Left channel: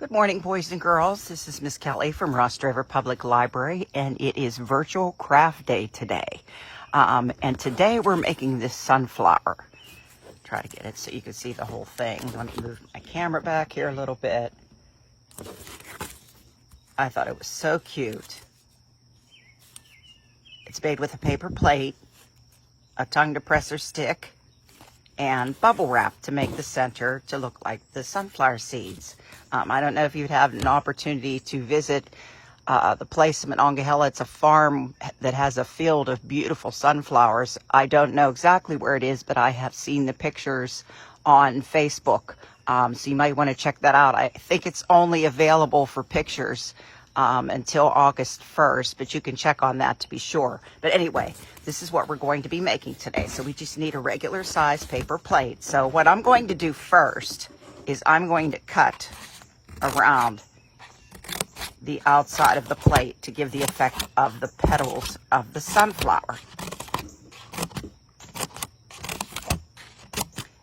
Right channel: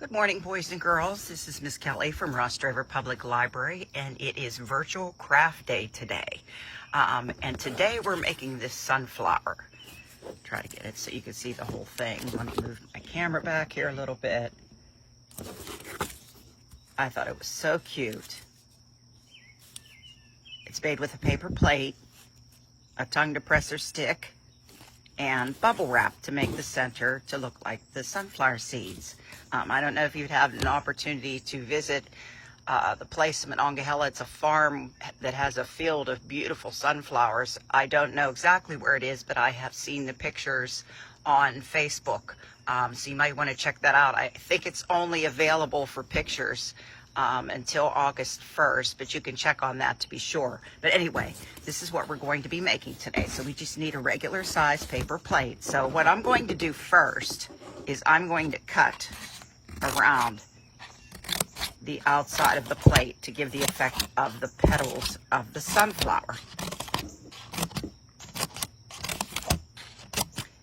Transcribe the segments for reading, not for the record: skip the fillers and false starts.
Good morning, boys and girls. This is Miss Kelly from Ross Driver Public Library, and it is Virtual Craft Day today. And today we're making this sunflower. Try to get it so you can see the whole thing. Let me move my camera back here a little bit. I thought it was so cute. It's made with a paper plate, a tongue depressor stick, and bubble wrap to make the center to look like the sunflower seeds. I don't know if you'd have an opportunity to visit the place in Monongahela. It's a farm that has a field of beautiful sunflowers. I don't know exactly where it is, but I have seen the pictures on Facebook. So you might want to check that out. I think it's only available for pictures until August 1st, but you can check on that to be sure. But anyway, this is what we're going to be making today. So we just need a regular size paper plate. So what I'm going to do first is I'm going to cut around the outside of the plate to give the effect of the petals of the sunflower.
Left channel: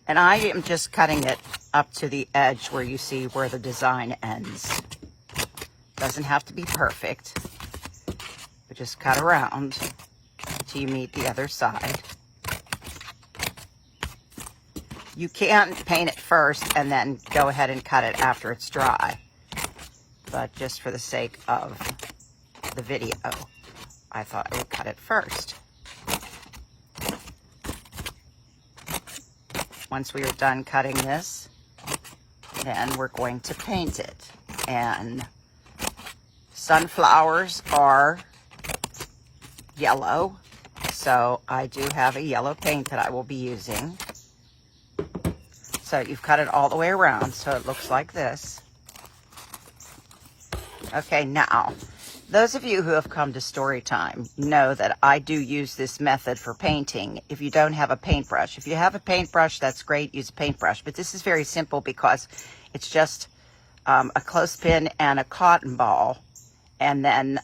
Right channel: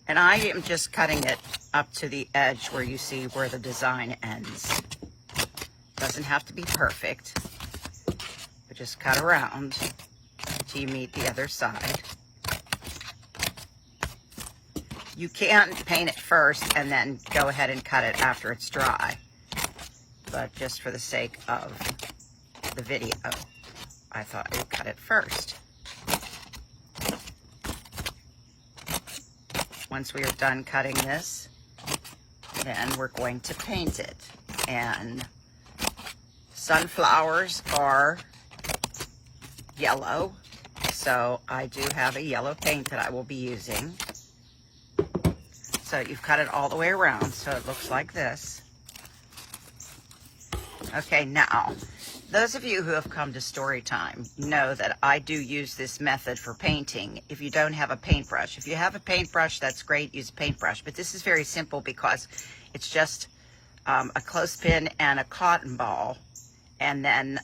And I am just cutting it up to the edge where you see where the design ends. Doesn't have to be perfect, but just cut around till you meet the other side. You can paint it first and then go ahead and cut it after it's dry. But just for the sake of the video, I thought I would cut it first. Once we are done cutting this, then we're going to paint it. And sunflowers are yellow, so I do have a yellow paint that I will be using. So you've cut it all the way around, so it looks like this. Okay, now, those of you who have come to story time know that I do use this method for painting if you don't have a paintbrush. If you have a paintbrush, that's great, use a paintbrush. But this is very simple because it's just a clothespin and a cotton ball. And then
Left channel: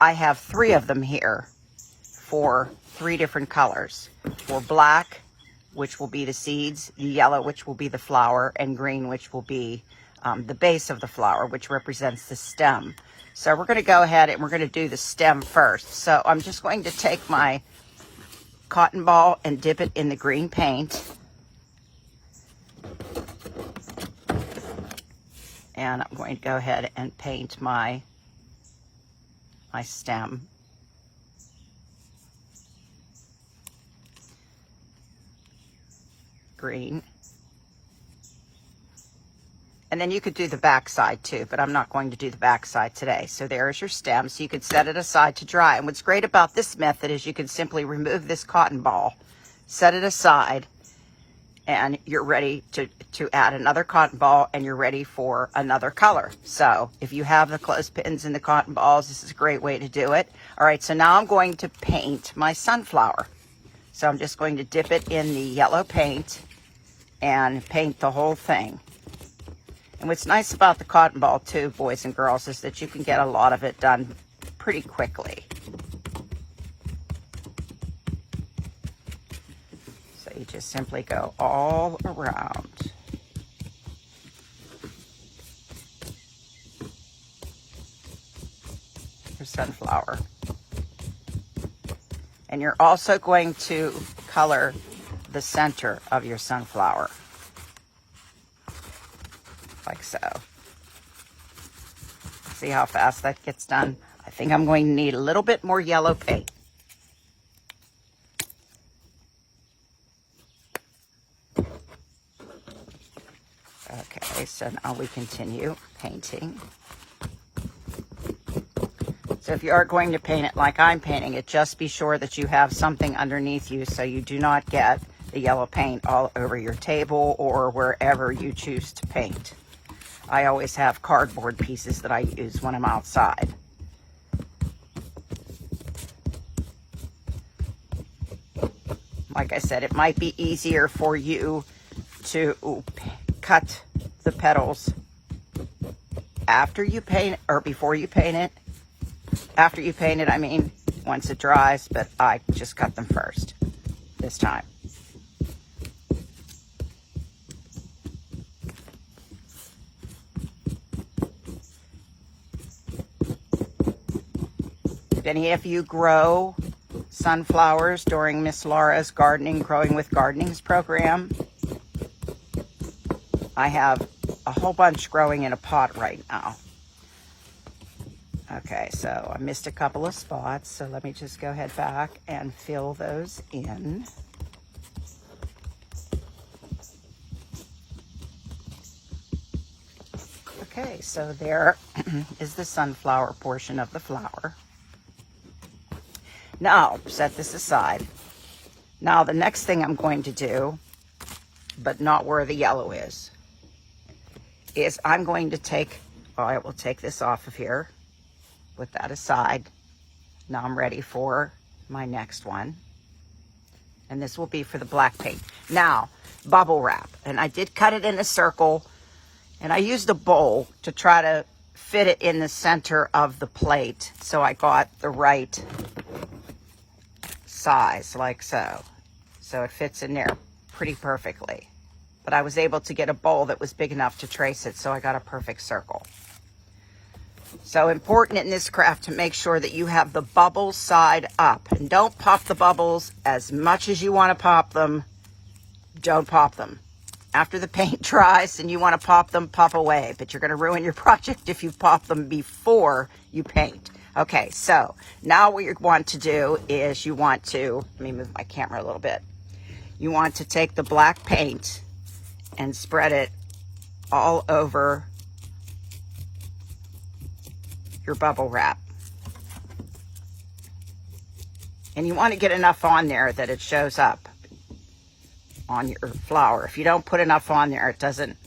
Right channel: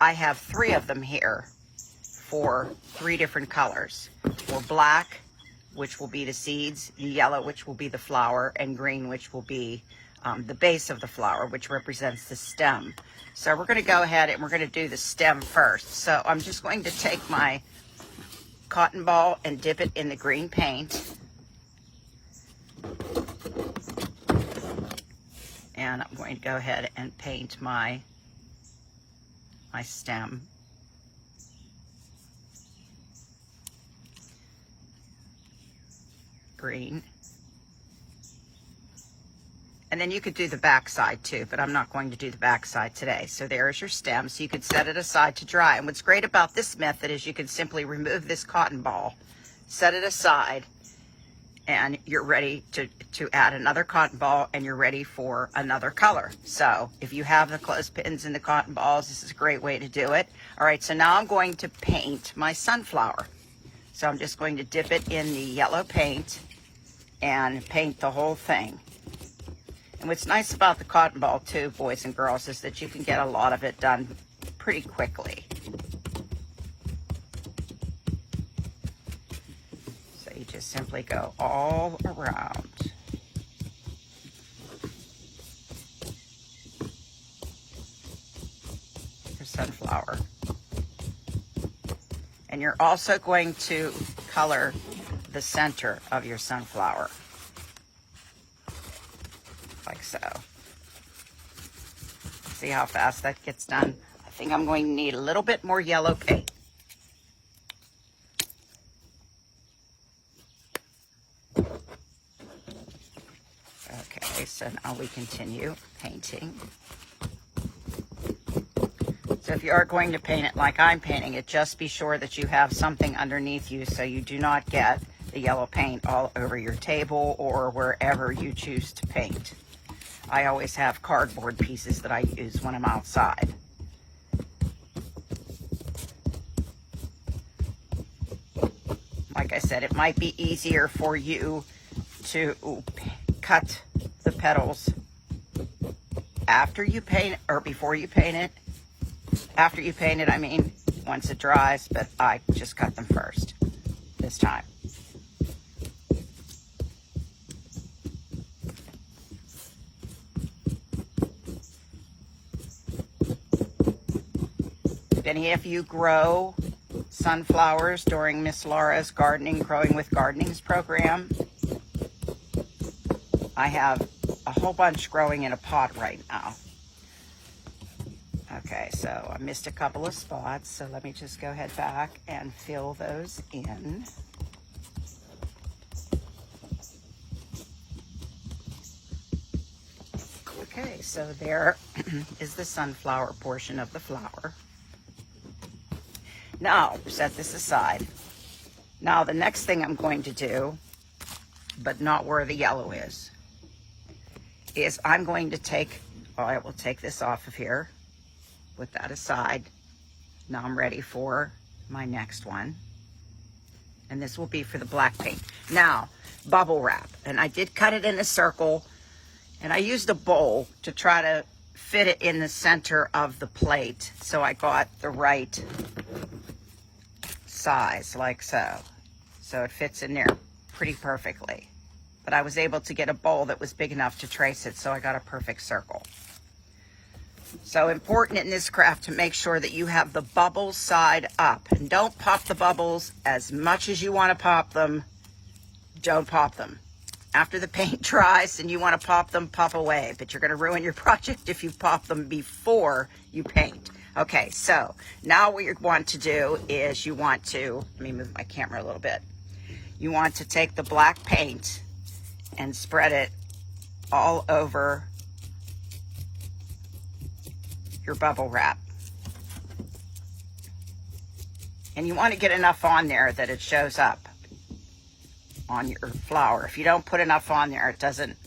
I have 3 of them here for 3 different colors. For black, which will be the seeds, yellow, which will be the flower, and green, which will be the base of the flower, which represents the stem. So we're going to go ahead and we're going to do the stem first. So I'm just going to take my cotton ball and dip it in the green paint. And I'm going to go ahead and paint my stem. Green. And then you could do the back side too, but I'm not going to do the back side today. So there's your stem, so you can set it aside to dry. And what's great about this method is you can simply remove this cotton ball, set it aside, and you're ready to add another cotton ball, and you're ready for another color. So if you have the clothespins and the cotton balls, this is a great way to do it. All right, so now I'm going to paint my sunflower. So I'm just going to dip it in the yellow paint and paint the whole thing. And what's nice about the cotton ball too, boys and girls, is that you can get a lot of it done pretty quickly. So you just simply go all around. Your sunflower. And you're also going to color the center of your sunflower, like so. See how fast that gets done? I think I'm going to need a little bit more yellow paint. Okay, so now we continue painting. So if you are going to paint it like I'm painting it, just be sure that you have something underneath you so you do not get the yellow paint all over your table or wherever you choose to paint. I always have cardboard pieces that I use when I'm outside. Like I said, it might be easier for you to cut the petals after you paint, or before you paint it. After you paint it, I mean, once it dries, but I just cut them first this time. if any of you grow sunflowers during Miss Laura's Growing with Gardening's program, I have a whole bunch growing in a pot right now. Okay, so I missed a couple of spots, so let me just go ahead back and fill those in. Okay, so there is the sunflower portion of the flower. Now, set this aside. Now, the next thing I'm going to do, but not where the yellow is I'm going to take, all right, we'll take this off of here, put that aside. Now I'm ready for my next one. And this will be for the black paint. Now, bubble wrap. And I did cut it in a circle, and I used a bowl to try to fit it in the center of the plate so I got the right size, like so. So it fits in there pretty perfectly. But I was able to get a bowl that was big enough to trace it, so I got a perfect circle. So important in this craft to make sure that you have the bubble side up. And don't pop the bubbles as much as you want to pop them. Don't pop them. After the paint dries and you want to pop them, pop away. But you're going to ruin your project if you pop them before you paint. Okay, so now what you want to do is you want to, let me move my camera a little bit. You want to take the black paint and spread it all over your bubble wrap. And you want to get enough on there that it shows up on your flower. If you don't put enough on there, it doesn't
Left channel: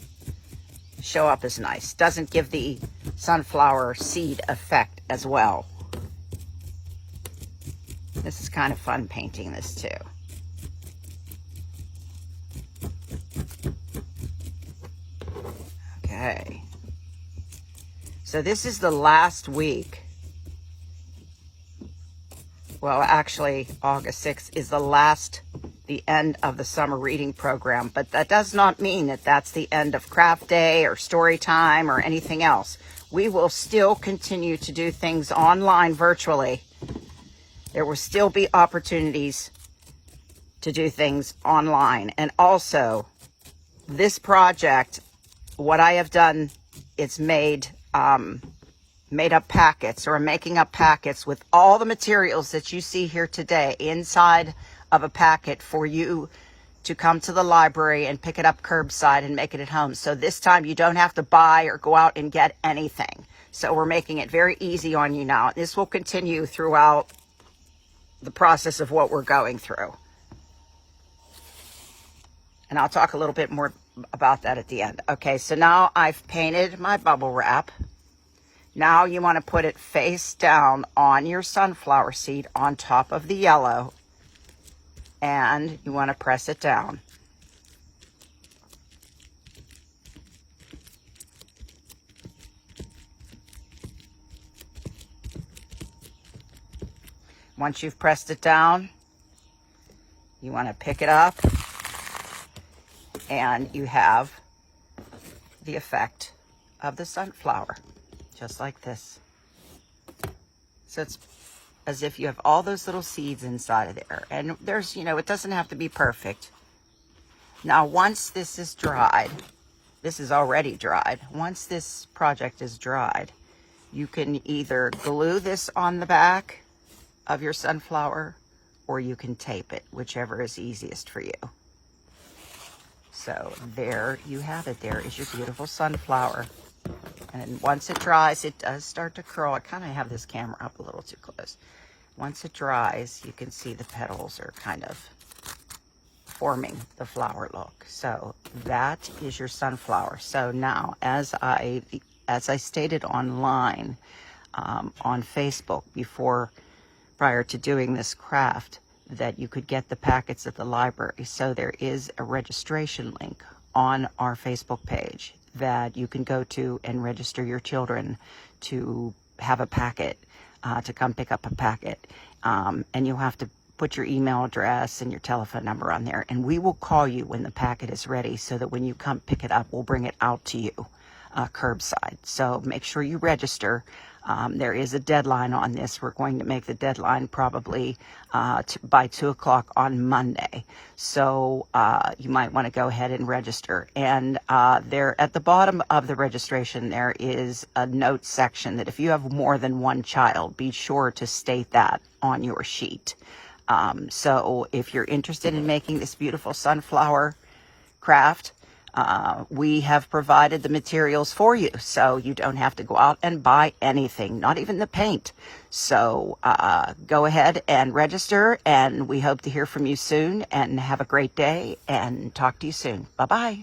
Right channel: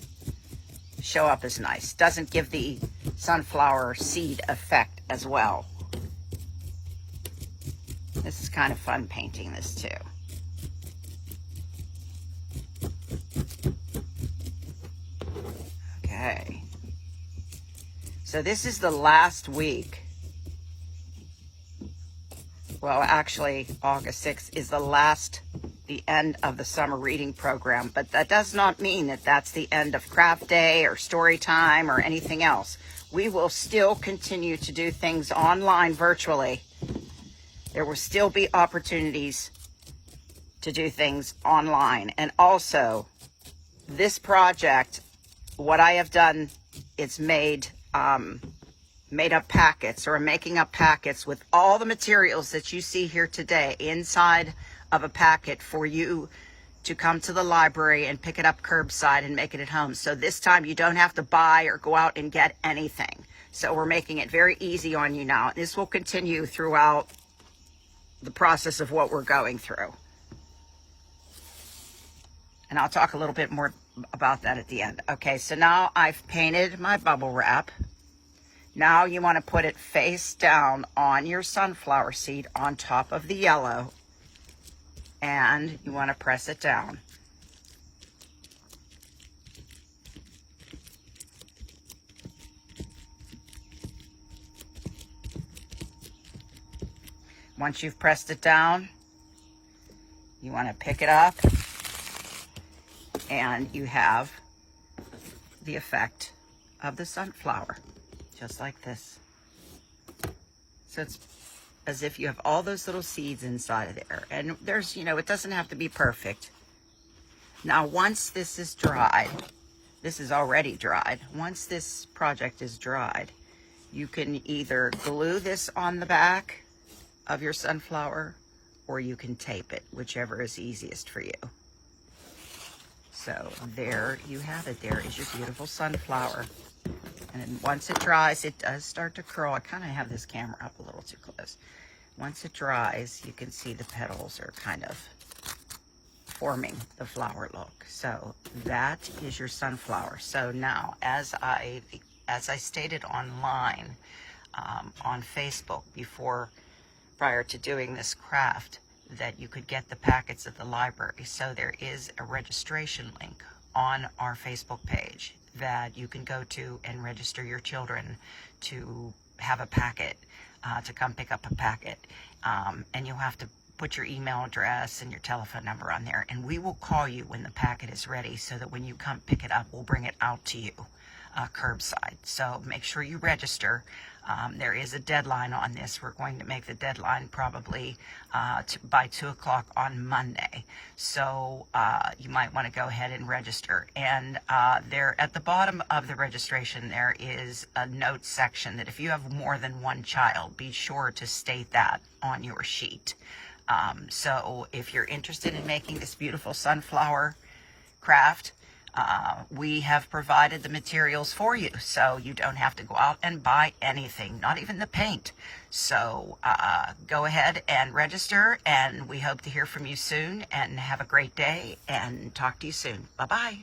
show up as nice. Doesn't give the sunflower seed effect as well. This is kind of fun painting this too. Okay. So this is the last week. Well, actually, August 6th is the end of the summer reading program, but that does not mean that that's the end of craft day or story time or anything else. We will still continue to do things online virtually. There will still be opportunities to do things online. And also, this project, what I have done, it's made up packets, or making up packets with all the materials that you see here today inside of a packet for you to come to the library and pick it up curbside and make it at home. So this time you don't have to buy or go out and get anything. So we're making it very easy on you now. This will continue throughout the process of what we're going through. And I'll talk a little bit more about that at the end. Okay, so now I've painted my bubble wrap. Now you want to put it face down on your sunflower seed on top of the yellow, and you want to press it down. Once you've pressed it down, you want to pick it up, and you have the effect of the sunflower, just like this. So it's as if you have all those little seeds inside of there. And there's, it doesn't have to be perfect. Now, once this is dried, this is already dried. Once this project is dried, you can either glue this on the back of your sunflower, or you can tape it, whichever is easiest for you. So there you have it. There is your beautiful sunflower. And once it dries, it does start to curl. I kind of have this camera up a little too close. Once it dries, you can see the petals are kind of forming the flower look. So that is your sunflower. So now, as I stated online on Facebook prior to doing this craft, that you could get the packets at the library. So there is a registration link on our Facebook page that you can go to and register your children to have a packet, to come pick up a packet. And you'll have to put your email address and your telephone number on there. And we will call you when the packet is ready, so that when you come pick it up, we'll bring it out to you curbside. So make sure you register. There is a deadline on this. We're going to make the deadline probably by 2 o'clock on Monday. So you might want to go ahead and register. And there at the bottom of the registration, there is a note section that if you have more than one child, be sure to state that on your sheet. So if you're interested in making this beautiful sunflower craft, we have provided the materials for you, so you don't have to go out and buy anything, not even the paint. So go ahead and register, and we hope to hear from you soon, and have a great day, and talk to you soon. Bye-bye.